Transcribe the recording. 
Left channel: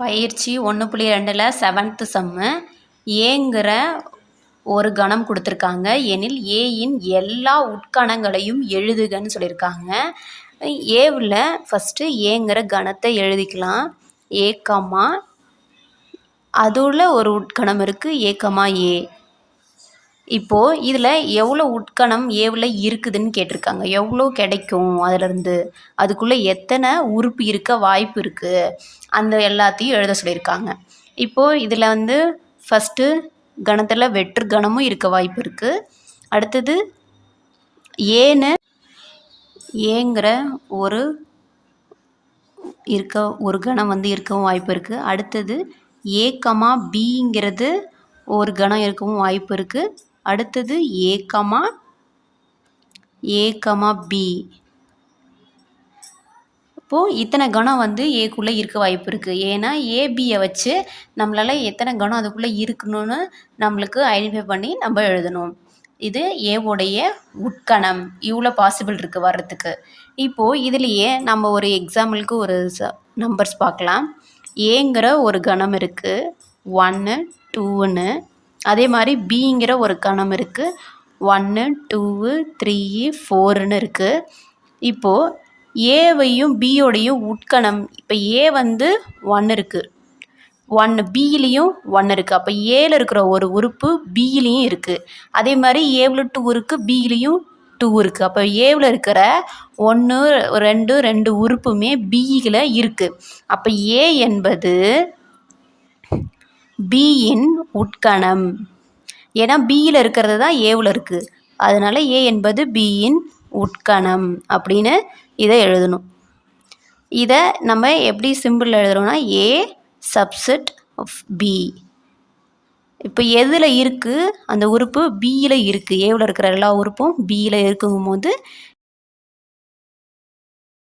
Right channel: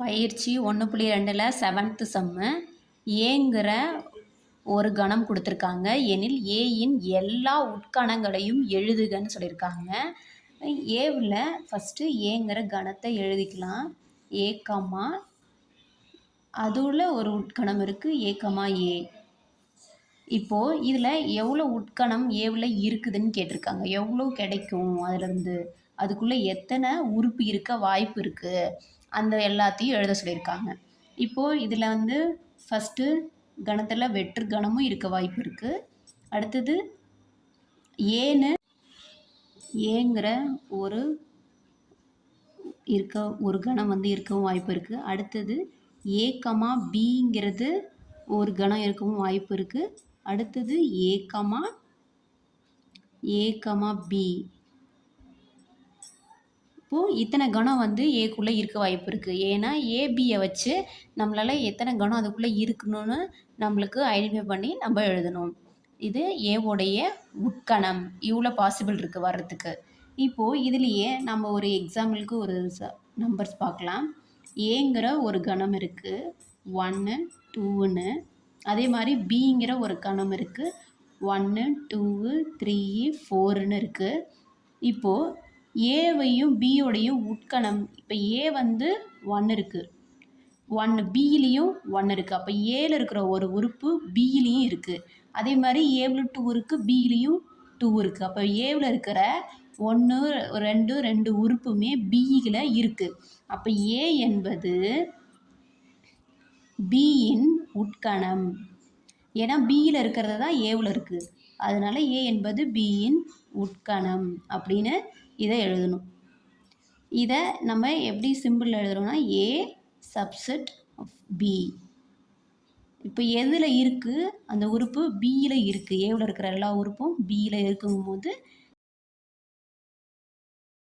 பயிற்சி ஒன்று புள்ளி ரெண்டில் செவன்த்து சம்மு ஏங்கிற ஒரு கணம் கொடுத்துருக்காங்க. எனில் ஏயின் எல்லா உட்கணங்களையும் எழுதுகன்னு சொல்லியிருக்காங்க. ஏவில் ஃபஸ்ட்டு ஏங்கிற கணத்தை எழுதிக்கலாம். ஏ கமா அதுல ஒரு உட்கணம் இருக்குது ஏக்கமா ஏ இப்போது இதில் எவ்வளோ உட்கணம் ஏவில் இருக்குதுன்னு கேட்டிருக்காங்க. எவ்வளோ கிடைக்கும் அதிலேருந்து? அதுக்குள்ளே எத்தனை உறுப்பு இருக்க வாய்ப்பு இருக்குது அந்த எல்லாத்தையும் எழுத சொல்லியிருக்காங்க. இப்போது இதில் வந்து ஃபஸ்ட்டு கணத்தில் வெற்று கணமும் இருக்க வாய்ப்பு இருக்குது அடுத்தது ஏன்னு ஏங்கிற ஒரு இருக்க ஒரு கணம் வந்து இருக்கவும் வாய்ப்பு இருக்குது அடுத்தது ஏ பிங்கிறது ஒரு கணம் இருக்கவும் வாய்ப்பு இருக்குது அடுத்தது ஏகமா ஏகமா பி இப்போது இத்தனை கணம் வந்து ஏக்குள்ளே இருக்க வாய்ப்பு இருக்குது ஏன்னா ஏபியை வச்சு நம்மளால் எத்தனை கணம் அதுக்குள்ளே இருக்கணும்னு நம்மளுக்கு ஐடென்டிஃபை பண்ணி நம்ம எழுதணும். இது ஏவுடைய உட்கணம். இவ்வளோ பாசிபிள் இருக்குது வர்றதுக்கு. இப்போது இதுலேயே நம்ம ஒரு எக்ஸாம்பிளுக்கு ஒரு ச நம்பர்ஸ் பார்க்கலாம். ஏங்கிற ஒரு கணம் இருக்குது ஒன்று டூன்னு அதே மாதிரி பிங்கிற ஒரு கணம் இருக்குது ஒன்று டூவு த்ரீ ஃபோருன்னு இருக்குது இப்போது ஏவையும் பியோடையும் உட்கணம். இப்போ ஏ வந்து ஒன்று இருக்குது ஒன்று பியிலையும் ஒன்று இருக்குது அப்போ ஏல இருக்கிற ஒரு உறுப்பு பியிலையும் இருக்குது அதே மாதிரி ஏவில் டூ இருக்குது பியிலையும் டூ இருக்குது அப்போ ஏவில் இருக்கிற ஒன்று ரெண்டு ரெண்டு உறுப்புமே பியில் இருக்குது அப்போ ஏ என்பது பியின் உட்கணம். ஏன்னா பியில் இருக்கிறது தான் ஏவில் இருக்குது அதனால் ஏ என்பது பியின் உட்கணம் அப்படின்னு இதை எழுதணும். இதை நம்ம எப்படி சிம்பிள் எழுதுகிறோம்னா ஏ சப்செட் ஆஃப் பி இப்போ எதில் இருக்குது அந்த உறுப்பு பியில் இருக்குது ஏவில் இருக்கிற எல்லா உறுப்பும் பியில் இருக்குங்கும் போது